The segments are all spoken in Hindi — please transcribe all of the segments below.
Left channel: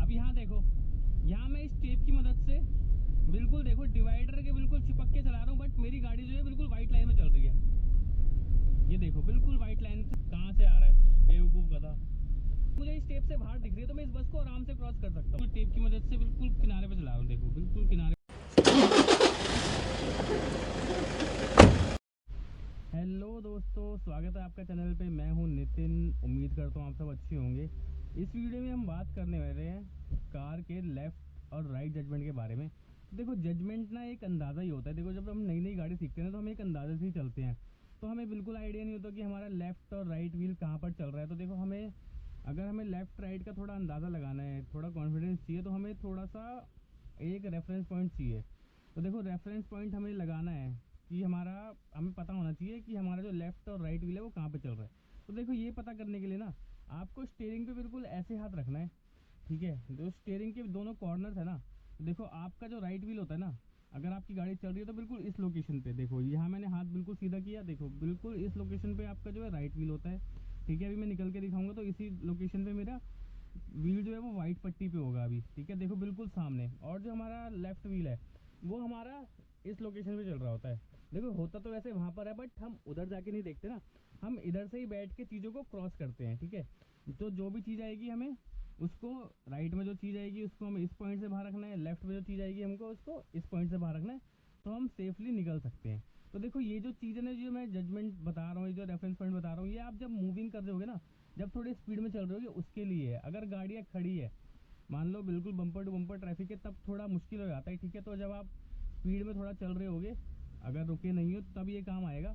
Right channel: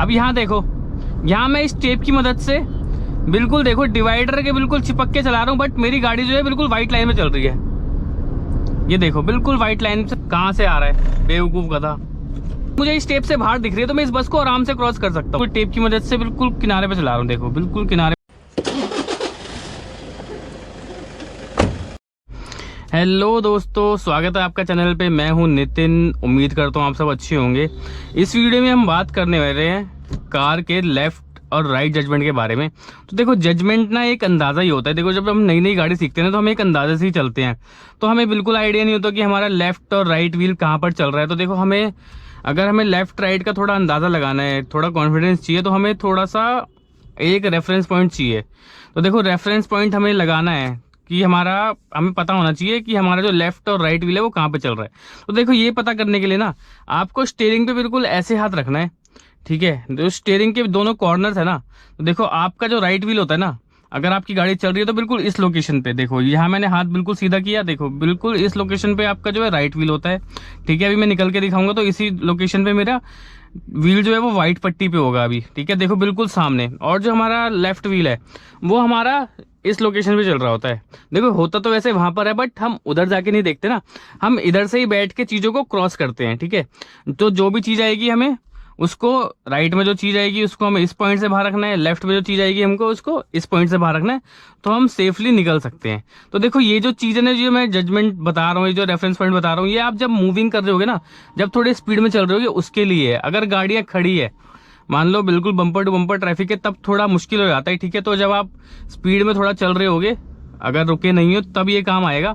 अब यहाँ देखो, यहाँ मैं इस टेप की मदद से बिल्कुल देखो डिवाइडर के बिल्कुल चिपक के चला रहा हूँ, बट मेरी गाड़ी जो है बिल्कुल व्हाइट लाइन में चल रही है। ये देखो बिल्कुल व्हाइट लाइन से कहाँ से आ रहा है बेवकूफ गधा। मुझे इस टेप से बाहर दिख रही है तो मैं इस बस को आराम से क्रॉस कर सकता हूँ। टेप की मदद से बिल्कुल किनारे पे चला रहा हूँ, देखो बिल्कुल किनारे। हेलो दोस्तों, स्वागत है आपका चैनल पे। मैं हूं नितिन, उम्मीद करता हूं आप सब अच्छे होंगे। इस वीडियो में हम बात करने वाले हैं कार के लेफ्ट और राइट जजमेंट के बारे में। तो देखो, जजमेंट ना एक अंदाज़ा ही होता है। देखो, जब हम नई नई गाड़ी सीखते हैं ना तो हम एक अंदाजे से ही चलते हैं, तो हमें बिल्कुल आइडिया नहीं होता कि हमारा लेफ्ट और राइट व्हील कहाँ पर चल रहा है। तो देखो, अगर हमें लेफ्ट राइट का थोड़ा अंदाज़ा लगाना है, थोड़ा कॉन्फिडेंस चाहिए, तो हमें थोड़ा सा एक रेफरेंस पॉइंट चाहिए। तो देखो, रेफरेंस पॉइंट हमें लगाना है कि हमें पता होना चाहिए कि हमारा जो लेफ्ट और राइट व्हील है वो कहाँ पे चल रहा है। तो देखो, ये पता करने के लिए ना आपको स्टीयरिंग पे बिल्कुल ऐसे हाथ रखना है, ठीक है। जो स्टीयरिंग के दोनों कॉर्नर्स है ना, तो देखो आपका जो राइट व्हील होता है ना, अगर आपकी गाड़ी चल रही है तो बिल्कुल इस लोकेशन पे देखो, यहाँ मैंने हाथ बिल्कुल सीधा किया, देखो बिल्कुल इस लोकेशन पे आपका जो है राइट व्हील होता है, ठीक है। अभी मैं निकल के दिखाऊंगा तो इसी लोकेशन पे मेरा व्हील जो है वो व्हाइट पट्टी पे होगा अभी, ठीक है। देखो बिल्कुल सामने, और जो हमारा लेफ्ट व्हील है वो हमारा इस लोकेशन पे चल रहा होता है। देखो, होता तो वैसे वहां पर है, बट हम उधर जाके नहीं देखते ना, हम इधर से ही बैठ के चीज़ों को क्रॉस करते हैं, ठीक है। तो जो भी चीज़ आएगी हमें उसको, राइट में जो चीज़ आएगी उसको हमें इस पॉइंट से बाहर रखना है, लेफ्ट में जो चीज़ आएगी हमको उसको इस पॉइंट से बाहर रखना है, तो हम सेफली निकल सकते हैं। तो देखो, ये जो चीज़ है ना, जो मैं जजमेंट बता रहा हूँ, ये जो रेफरेंस पॉइंट बता रहा हूँ, ये आप जब मूविंग कर रहे होगे ना, जब थोड़ी स्पीड में चल रहे होगे उसके लिए है। अगर गाड़ियाँ खड़ी है, मान लो बिल्कुल बम्पर टू बम्पर ट्रैफिक है, तब थोड़ा मुश्किल हो जाता है, ठीक है। तो जब आप स्पीड में थोड़ा चल रहे होगे, अगर रुके नहीं हो तब ये काम आएगा।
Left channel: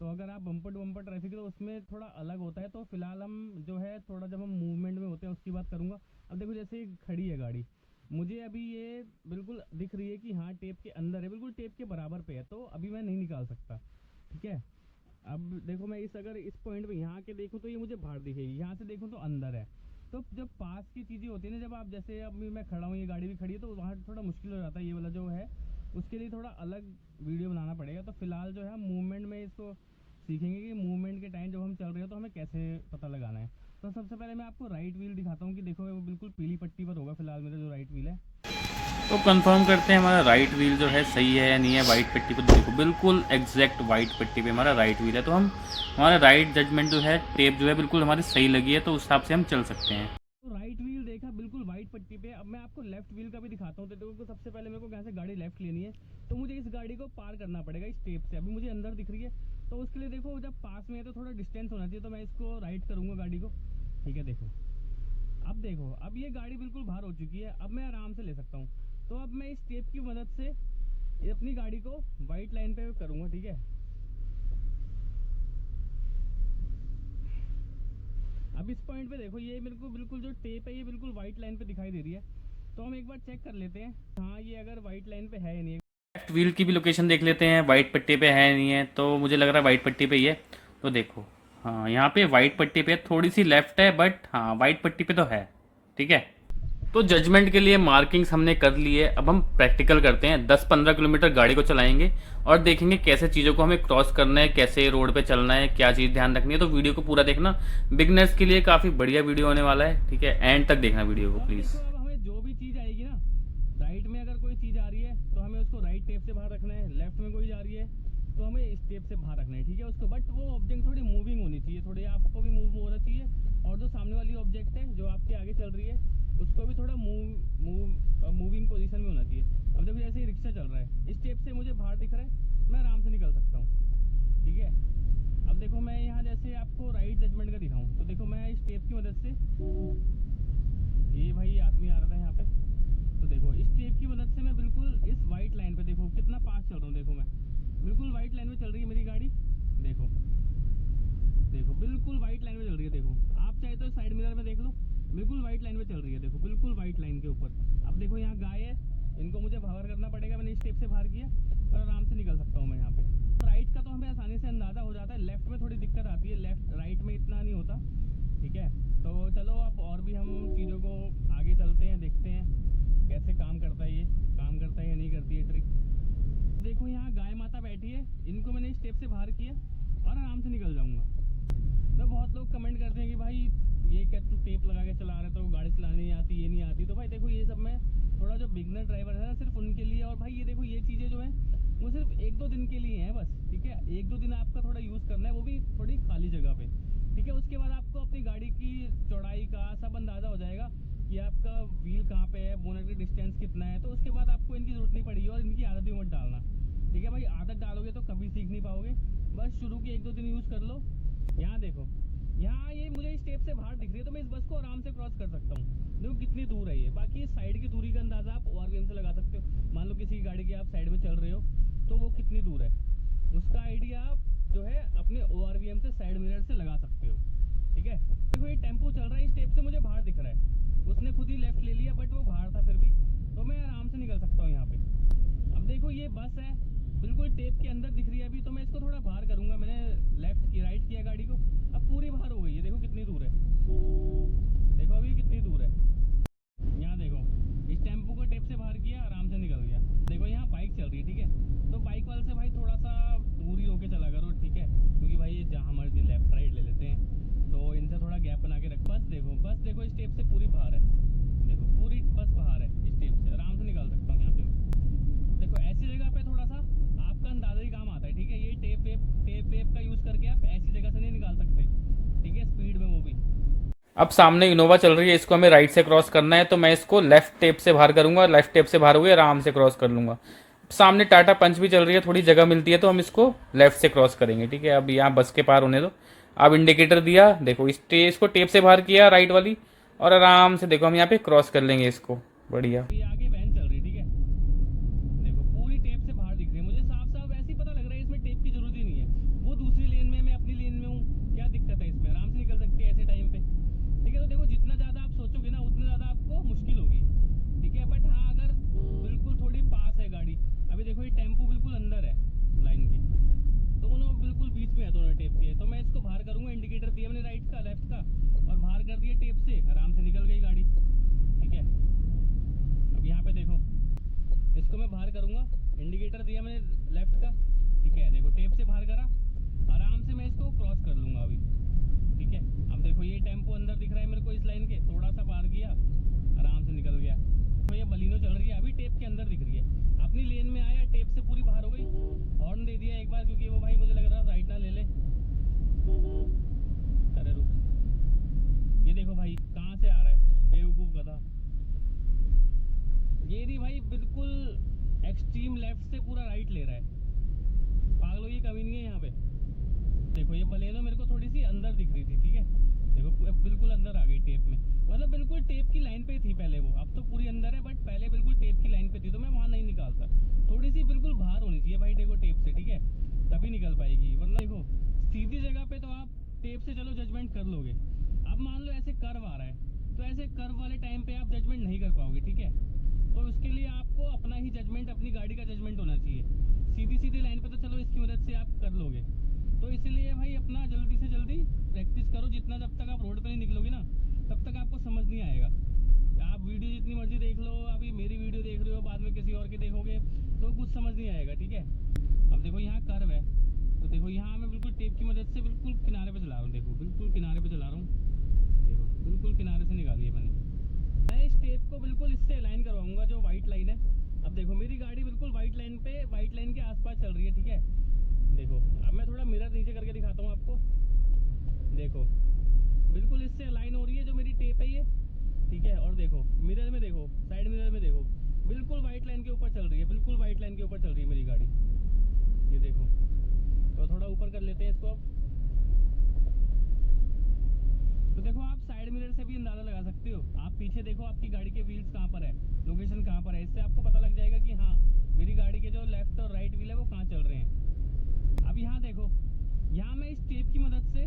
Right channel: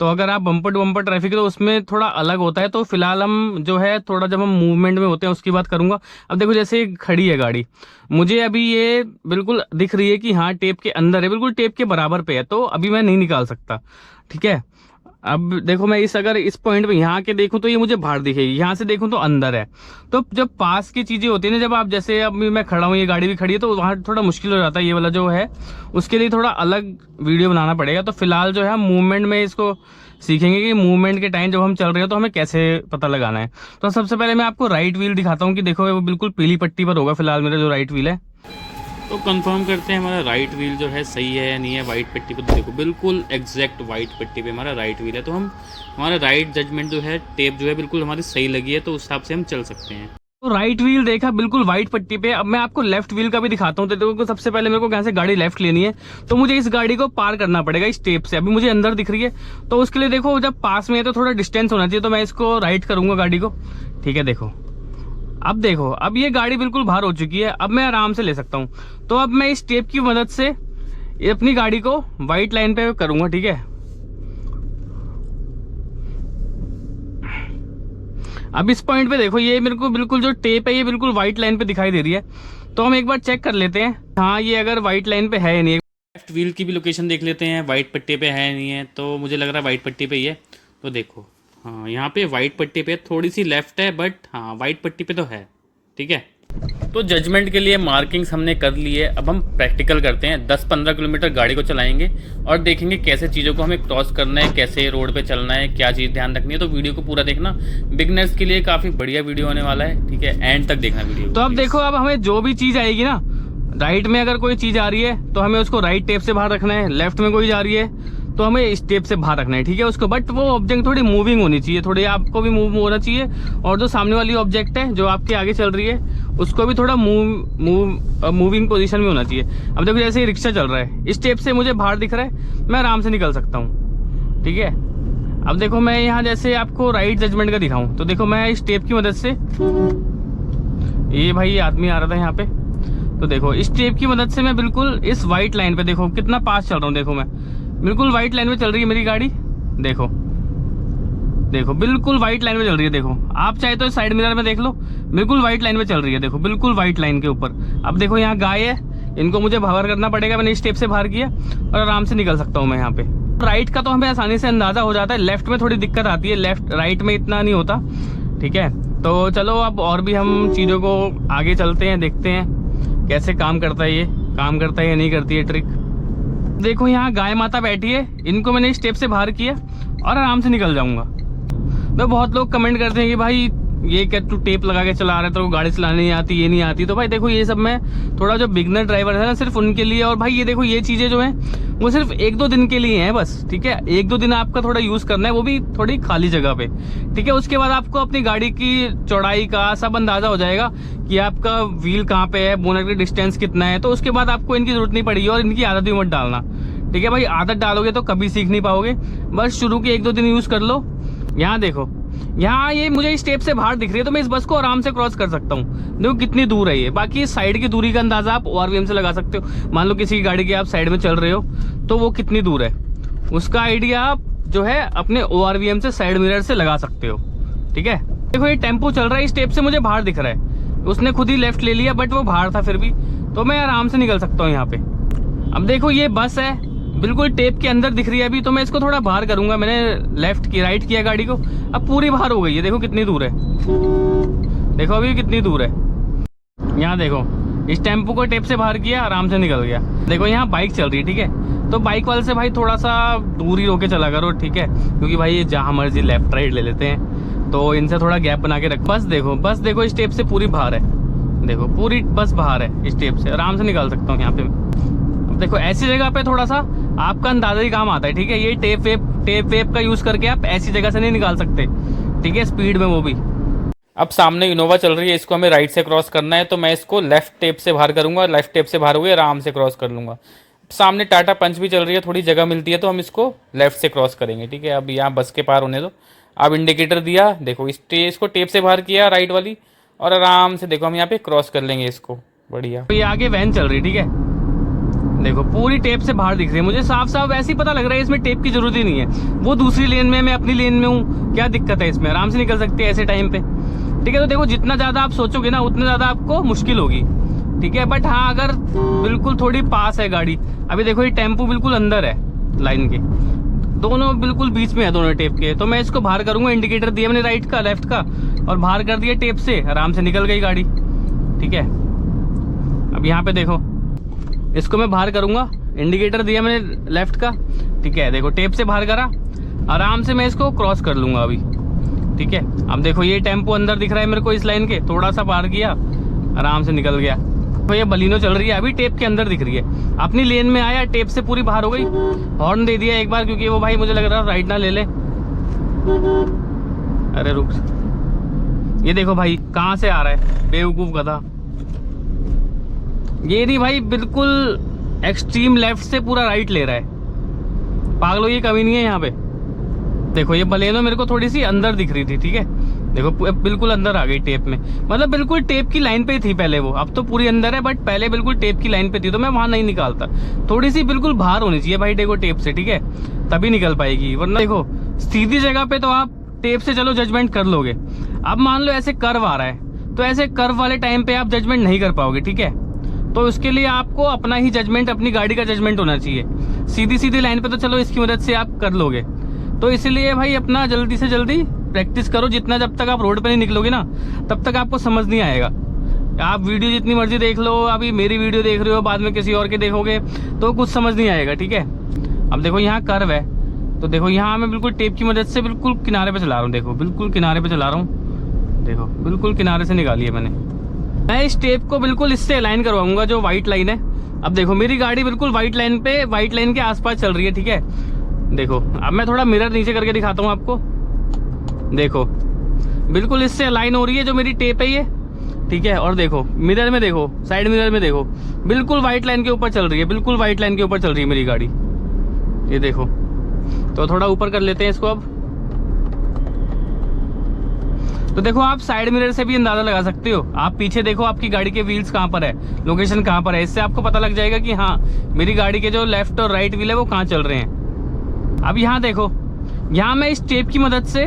तो अगर आप बम्पर टू बम्पर ट्रैफिक है तो उसमें थोड़ा अलग होता है। तो फिलहाल हम जो है थोड़ा जब हम मूवमेंट में होते हैं उसकी बात करूंगा। अब देखो, जैसे खड़ी है गाड़ी, मुझे अभी ये बिल्कुल दिख रही है कि हाँ टेप के अंदर है, बिल्कुल टेप के बराबर पे है, तो अभी मैं नहीं निकाल सकता, ठीक है। अब देखो, मैं अगर इस पॉइंट पे यहाँ के देखूं तो ये मुझे बाहर दिखेगी, यहाँ से देखूं तो अंदर है। तो जब पास की चीजें होती है ना, जब आप जैसे अब मैं खड़ा हूँ, ये गाड़ी भी खड़ी है, तो वहाँ थोड़ा मुश्किल हो जाता है। ये वाला जो है उसके लिए थोड़ा अलग वीडियो बनाना पड़ेगा। तो फिलहाल जो है हम मूवमेंट में इसको सीखेंगे कि मूवमेंट के टाइम जब हम चल रहे हो तो हमें कैसे पता लगाना है। तो सबसे पहले मैं आपको राइट व्हील दिखाता हूँ कि देखो वो बिल्कुल पीली पट्टी पर होगा फिलहाल मेरा जो राइट व्हील है। तो कंफर्म करते हैं हमारा राइट व्हील जो है सही है या नहीं है। वाइट पट्टी पे देखो बिल्कुल एग्जैक्ट वाइट पट्टी पे हमारा राइट व्हील है, तो हमारा राइट जजमेंट जो है, टेप जो है बिल्कुल हमारी सही लगी है, तो उस हिसाब से हम चल सकते हैं। तो राइट व्हील देखा बिल्कुल वाइट पट्टी पे। अब मैं आपको लेफ्ट व्हील का भी दिखाता हूँ। तो देखो, सबसे पहले मेरे को यहाँ से गाड़ी लेफ्ट लेनी है, तो मुझे इस गाड़ी को पार करना पड़ेगा इस टेप से। अभी मुझे अंदर दिख रही है, तो उसके लिए देखो जब पास में है तो थोड़ा डिस्टेंस होना चाहिए। तो मैं इसको राइट करूंगा गाड़ी को, ठीक है। देखो, अब देखो, अब ये गाड़ी बिल्कुल बाहर हो चुकी है, अब मैं आराम से ले सकता हूँ। तो अब मैं इस टेप की मदद से अपनी गाड़ी को व्हाइट लाइन पे करूंगा, ठीक है। अब इस पॉइंट पे देखो, ये मेरे को बिल्कुल जो टेप है ये बिल्कुल व्हाइट लाइन पे दिखाई दे रही है। तो हम एक बार चेक कर लेते हैं, हाँ ये अगर व्हाइट लाइन पे है या नहीं। लेफ्ट व्हील की भी लोकेशन देख लेते हैं, व्हाइट पट्टी पे है नहीं है, तो मुझे लग रहा है व्हाइट पट्टी पे ही है। तो देखो, हाँ यहाँ पे व्हाइट पट्टी पे थोड़ी सी लेफ्ट है, बट हाँ व्हाइट पट्टी पे तो है, ठीक है। तो जजमेंट के लिए मार्किंग्स हमने कर ली है। अब हम प्रैक्टिकल करते हैं। 10-15 किलोमीटर गाड़ी को चलाएंगे और देखेंगे कैसे चीज़ों को हमें क्रॉस करना है, कैसे रोड पे चलना है, क्या चीज़ ध्यान रखनी है। तो वीडियो को पूरा देखना, बिगनर्स के लिए काफ़ी बढ़िया वीडियो होने वाला है, ठीक है। एंड तक देखना वीडियो। तो अब देखो, अब हमें जो भी चीज़ आएगी ना, राइट में अगर कोई चीज़ आ रही है तो हमें उसको राइट टेप से बाहर रखना है, लेफ्ट में कोई जा रही है तो हमें इस टेप से बाहर रखना है, ठीक है उसको। बट वो ऑब्जेक्ट थोड़ी मूविंग होनी चाहिए, थोड़ी आपको भी मूव होना चाहिए, और जो सामने वाली ऑब्जेक्ट है जो आपके आगे चल रही है उसको भी थोड़ा मूविंग पोजीशन में होना चाहिए। अब देखो, जैसे रिक्शा चल रहा है, इस टेप से मुझे बाहर दिख रहा है, मैं आराम से निकल सकता हूँ, ठीक है। अब देखो, मैं यहाँ जैसे आपको राइट जजमेंट का दिखाऊं, तो देखो मैं इस टेप की मदद से, ये भाई आदमी आ रहा था यहाँ पे, तो देखो इस टेप की मदद से मैं बिल्कुल इस व्हाइट लाइन पे, देखो कितना पास चल रहा हूँ, देखो मैं बिल्कुल व्हाइट लाइन में चल रही है मेरी गाड़ी। देखो देखो बिल्कुल व्हाइट लाइन में चल रही है। देखो, आप चाहे तो साइड मिरर में देख लो, बिल्कुल व्हाइट लाइन में चल रही है, देखो बिल्कुल व्हाइट लाइन के ऊपर। अब देखो, यहाँ गाय है, इनको मुझे बाहर करना पड़ेगा, मैंने इस टेप से बाहर किया और आराम से निकल सकता हूँ मैं यहाँ पे। राइट का तो हमें आसानी से अंदाजा हो जाता है, लेफ्ट में थोड़ी दिक्कत आती है, लेफ्ट राइट में इतना नहीं होता, ठीक है। तो चलो, अब और भी हम चीज़ों को आगे चलते हैं, देखते हैं कैसे काम करता है, ये काम करता है या नहीं करती है ट्रिक। देखो, यहाँ गाय माता बैठी है, इनको मैंने इस टेप से बाहर किया और आराम से निकल जाऊंगा। तो बहुत लोग कमेंट करते हैं कि भाई ये क्या तू टेप लगा के चला रहा है, तो गाड़ी चलाने नहीं आती, ये नहीं आती। तो भाई देखो ये सब मैं थोड़ा जो बिगनर ड्राइवर है ना, सिर्फ उनके लिए। और भाई ये देखो ये चीज़ें जो है वो सिर्फ 1-2 दिन के लिए हैं बस, ठीक है। 1-2 दिन आपका थोड़ा यूज़ करना है, वो भी थोड़ी खाली जगह पे, ठीक है। उसके बाद आपको अपनी गाड़ी की चौड़ाई का सब अंदाज़ा हो जाएगा कि आपका व्हील कहाँ पे है, बोनट की डिस्टेंस कितना है। तो उसके बाद आपको इनकी जरूरत नहीं पड़ेगी और इनकी आदत भी मत डालना, ठीक है भाई। आदत डालोगे तो कभी सीख नहीं पाओगे। बस शुरू के 1-2 दिन यूज़ कर लो। यहाँ देखो, यहाँ ये मुझे इस स्टेप से बाहर दिख रही है, तो मैं इस बस को आराम से क्रॉस कर सकता हूँ। देखो कितनी दूर है ये। बाकी इस साइड की दूरी का अंदाजा आप ORVM से लगा सकते हो। मान लो किसी की गाड़ी के आप साइड में चल रहे हो तो वो कितनी दूर है, उसका आइडिया आप जो है अपने ORVM से, साइड मिरर से लगा सकते हो, ठीक है। देखो ये टेम्पो चल रहा है, इस स्टेप से मुझे बाहर दिख रहा है। उसने खुद ही लेफ्ट ले लिया, बट वो बाहर था फिर भी, तो मैं आराम से निकल सकता हूँ यहाँ पे। अब देखो ये बस है, बिल्कुल टेप के अंदर दिख रही है अभी, तो मैं इसको थोड़ा बाहर करूंगा। मैंने लेफ्ट की राइट किया गाड़ी को, अब पूरी बाहर हो गई है। देखो कितनी दूर है, देखो अभी कितनी दूर है। यहाँ देखो इस टेम्पो को टेप से बाहर किया, आराम से निकल गया। देखो यहाँ बाइक चल रही है, ठीक है। तो बाइक वाले से भाई थोड़ा सा दूर ही रोके चला करो, ठीक है, क्योंकि भाई ये जहाँ मर्जी लेफ्ट राइट ले लेते हैं, तो इनसे थोड़ा गैप बना के रख। बस देखो इस टेप से पूरी बाहर है। देखो पूरी बस बाहर है, इस टेप से आराम से निकाल सकता हूँ यहाँ पे। देखो ऐसी जगह पे थोड़ा सा आपका अंदाजा ही काम आता है, ठीक है। ये टेप वेप का यूज करके आप ऐसी जगह से नहीं निकाल सकते, ठीक है, स्पीड में वो भी। अब सामने इनोवा चल रही है, इसको हमें राइट से क्रॉस करना है, तो मैं इसको लेफ्ट टेप से बाहर करूंगा। लेफ्ट टेप से बाहर हुए आराम से क्रॉस कर लूंगा। सामने टाटा पंच भी चल रही है, थोड़ी जगह मिलती है तो हम इसको लेफ्ट से क्रॉस करेंगे, ठीक है। अब यहाँ बस के पार होने दो। अब इंडिकेटर दिया, देखो इसको टेप से बाहर किया राइट वाली, और आराम से देखो हम यहाँ पे क्रॉस कर लेंगे इसको, बढ़िया। तो ये आगे वैन चल रही, ठीक है। देखो पूरी टेप से बाहर दिख रही है, मुझे साफ साफ ऐसे ही पता लग रहा है इसमें टेप की जरूरत ही नहीं है। वो दूसरी लेन में, मैं अपनी लेन में हूँ, क्या दिक्कत है इसमें, आराम से निकल सकते हैं ऐसे टाइम पे, ठीक है। तो देखो जितना ज्यादा आप सोचोगे ना, उतना ज्यादा आपको मुश्किल होगी, ठीक है। बट हाँ अगर बिल्कुल थोड़ी पास है गाड़ी, अभी देखो ये टेम्पो बिल्कुल अंदर है लाइन के, दोनों बिल्कुल बीच में है दोनों टेप के, तो मैं इसको बाहर करूंगा। इंडिकेटर दिया मैंने राइट का, लेफ्ट का, और बाहर कर दिया टेप से, आराम से निकल गई गाड़ी, ठीक है। अब यहाँ पे देखो इसको मैं बाहर करूंगा, इंडिकेटर दिया मैंने लेफ्ट का, ठीक है। देखो टेप से बाहर करा, आराम से मैं इसको क्रॉस कर लूंगा अभी, ठीक है। अब देखो ये टेम्पो अंदर दिख रहा है मेरे को इस लाइन के, थोड़ा सा पार किया, आराम से निकल गया। तो ये बलिनो चल रही है, अभी टेप के अंदर दिख रही है, अपनी लेन में आया, टेप से पूरी बाहर हो गई। हॉर्न दे दिया एक बार, क्योंकि वो भाई मुझे लग रहा राइट ना ले ले। अरे रुक, ये देखो भाई कहाँ से आ रहा है, बेवकूफ गधा। ये नहीं भाई, बिल्कुल एक्सट्रीम लेफ्ट से पूरा राइट ले रहा है, पागलो ये कमी नहीं है यहाँ पे। देखो ये बलेनो मेरे को थोड़ी सी अंदर दिख रही थी, ठीक है। देखो बिल्कुल अंदर आ गई टेप में, मतलब बिल्कुल टेप की लाइन पे ही थी पहले वो, अब तो पूरी अंदर है, बट पहले बिल्कुल टेप की लाइन पे थी, तो मैं वहां नहीं निकालता। थोड़ी सी बिल्कुल बाहर होनी चाहिए भाई देखो टेप से, ठीक है, तभी निकल पाएगी, वरना देखो सीधी जगह पे तो आप टेप से चलो जजमेंट कर लोगे। अब मान लो ऐसे कर्व आ रहा है, तो ऐसे कर्व वाले टाइम पे आप जजमेंट नहीं कर पाओगे, ठीक है। तो उसके लिए आपको अपना ही जजमेंट, अपनी गाड़ी का जजमेंट होना चाहिए। सीधी लाइन पे तो चलो इसकी मदद से आप कर लोगे, तो इसलिए भाई अपना जल्दी से जल्दी प्रैक्टिस करो। जितना जब तक आप रोड पे नहीं निकलोगे ना, तब तक आपको समझ नहीं आएगा। आप वीडियो जितनी मर्जी देख लो, अभी मेरी वीडियो देख रहे हो, बाद में किसी और के देखोगे तो कुछ समझ नहीं आएगा, ठीक है। अब देखो यहाँ कर्व है, तो देखो यहाँ मैं बिल्कुल टेप की मदद से बिल्कुल किनारे पे चला रहा हूँ। देखो बिल्कुल किनारे पे चला रहा हूँ, देखो बिल्कुल किनारे से निकाली है मैंने। मैं इस टेप को बिल्कुल इससे अलाइन करवाऊंगा जो व्हाइट लाइन है। अब देखो मेरी गाड़ी बिल्कुल व्हाइट लाइन पे, व्हाइट लाइन के आसपास चल रही है, ठीक है। देखो अब मैं थोड़ा मिरर नीचे करके दिखाता हूँ आपको। देखो बिल्कुल इससे अलाइन हो रही है जो मेरी टेप है ये, ठीक है। और देखो मिरर में देखो, साइड मिरर में देखो, बिल्कुल व्हाइट लाइन के ऊपर चल रही है, बिल्कुल व्हाइट लाइन के ऊपर चल रही है मेरी गाड़ी, ये देखो। तो थोड़ा ऊपर कर लेते हैं इसको अब। तो देखो आप साइड मिरर से भी अंदाजा लगा सकते हो। आप पीछे देखो आपकी गाड़ी के व्हील्स कहाँ पर है, लोकेशन कहाँ पर है, इससे आपको पता लग जाएगा कि हाँ मेरी गाड़ी के जो लेफ्ट और राइट व्हील है वो कहाँ चल रहे हैं। अब यहाँ देखो, यहाँ मैं इस टेप की मदद से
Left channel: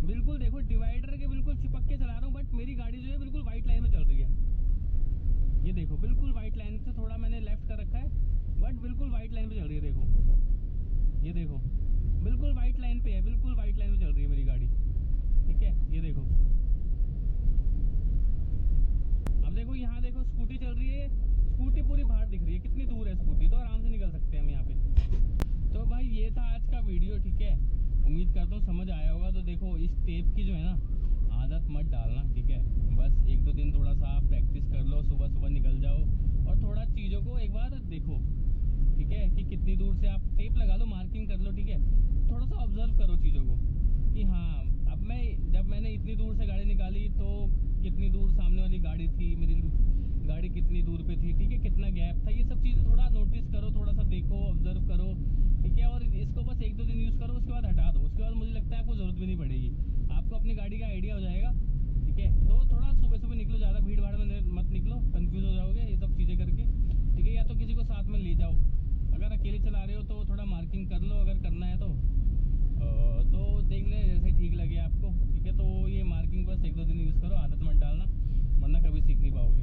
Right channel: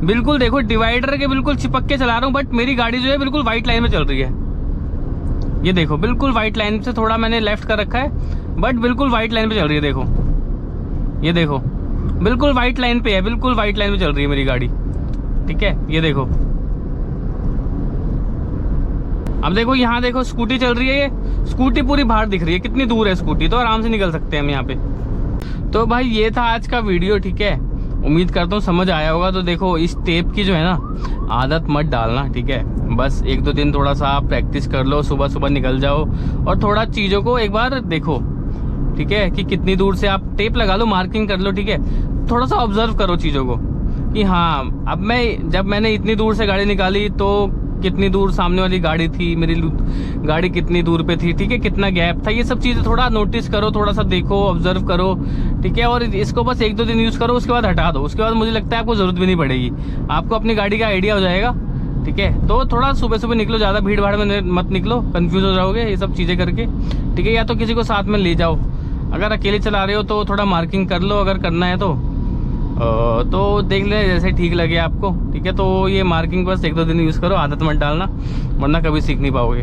बिल्कुल देखो डिवाइडर के बिल्कुल चिपक के चला रहा हूँ, बट मेरी गाड़ी जो है बिल्कुल व्हाइट लाइन में चल रही है। ये देखो बिल्कुल व्हाइट लाइन से थोड़ा मैंने लेफ्ट कर रखा है, बट बिल्कुल व्हाइट लाइन पे चल रही है। देखो ये देखो बिल्कुल व्हाइट लाइन पे है, बिल्कुल व्हाइट लाइन में चल रही है मेरी गाड़ी, ठीक है। ये देखो अब देखो यहाँ देखो स्कूटी चल रही है, ये स्कूटी पूरी बाहर दिख रही है, कितनी दूर है स्कूटी, तो आराम से निकल सकते हैं हम यहाँ पे। तो भाई ये था आज का वीडियो, ठीक है। उम्मीद करता हूँ समझ आया होगा। तो देखो इस टेप की जो है ना आदत मत डालना, ठीक है। बस 1-2 दिन थोड़ा सा आप प्रैक्टिस कर लो, सुबह सुबह निकल जाओ और थोड़ा चीज़ों को एक बार देखो, ठीक है, कि कितनी दूर से आप टेप लगा लो, मार्किंग कर लो, ठीक है। थोड़ा सा ऑब्जर्व करो चीज़ों को कि हाँ अब जब मैंने इतनी दूर से गाड़ी निकाली तो कितनी दूर सामने वाली गाड़ी थी, मेरी गाड़ी कितनी दूर पे थी, ठीक है, कितना गैप था। ये सब चीज़ें थोड़ा नोटिस करो, थोड़ा सा देखो, ऑब्जर्व करो, ठीक है। और इसको बस 1-2 दिन यूज़ करो, उसके बाद हटा दो। उसके बाद मुझे लगता है आपको ज़रूरत भी नहीं पड़ेगी, आपको अपनी गाड़ी का आइडिया हो जाएगा, ठीक है। तो थोड़ा सुबह सुबह निकलो, ज़्यादा भीड़ भाड़ में मत निकलो, कन्फ्यूज़ हो जाओगे ये सब चीज़ें करके, ठीक है। या तो किसी को साथ में ले जाओ, अगर अकेले चला रहे हो तो थोड़ा मार्किंग कर लो अगर करना है तो देख लें जैसे ठीक लगे आपको, ठीक है। तो ये मार्किंग बस 1-2 दिन यूज़ करो, आदत मत डालना वरना कभी सीख नहीं पाओगे,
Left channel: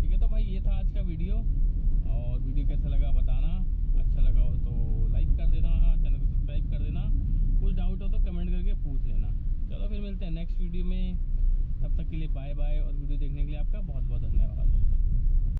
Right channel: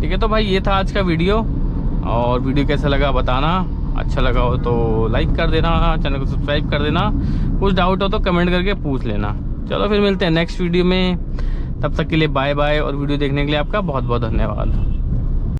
ठीक है। तो भाई ये था आज का वीडियो, और वीडियो कैसा लगा बताना, अच्छा लगा हो तो लाइक कर देना, चैनल को सब्सक्राइब कर देना, कुछ डाउट हो तो कमेंट करके पूछ लेना। चलो फिर मिलते हैं नेक्स्ट वीडियो में, तब तक के लिए बाय बाय, और वीडियो देखने के लिए आपका बहुत बहुत धन्यवाद।